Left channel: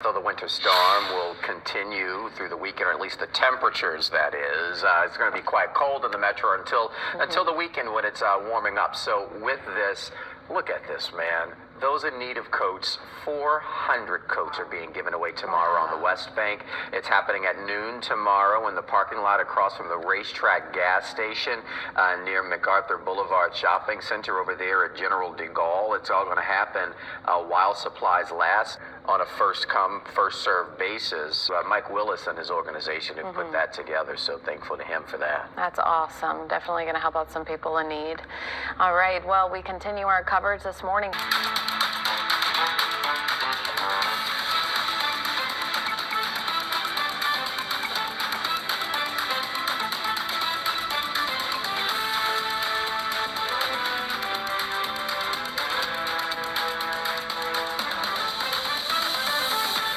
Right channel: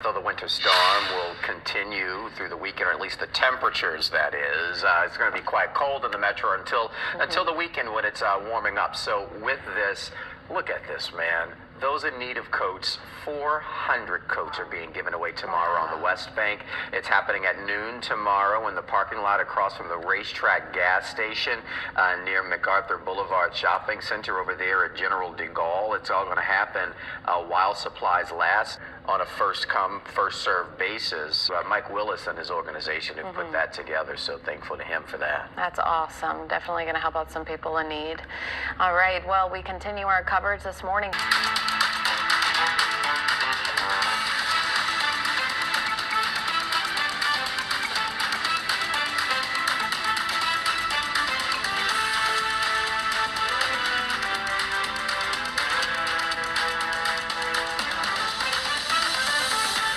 So the winter storm will continue through the weekend, or at least the temperatures, that is. It's going to be quite cold in the metro until the weekend when it's warming up. So with this, look at this, man. Those in need of coats, 400 coats are being given away tomorrow on the Westbank. It's happening at noon tomorrow in the parking lot across from the Racetrack gas station near MacArthur Boulevard Shopping Center over there at General Degaulle. It's all going to happen while supplies last on a first-come, first-served basis. Mike Willis and his organization have put that together, so thankful to him for that. That's awesome. Definitely going to help out some people in need. All right, well, we continue our coverage this morning.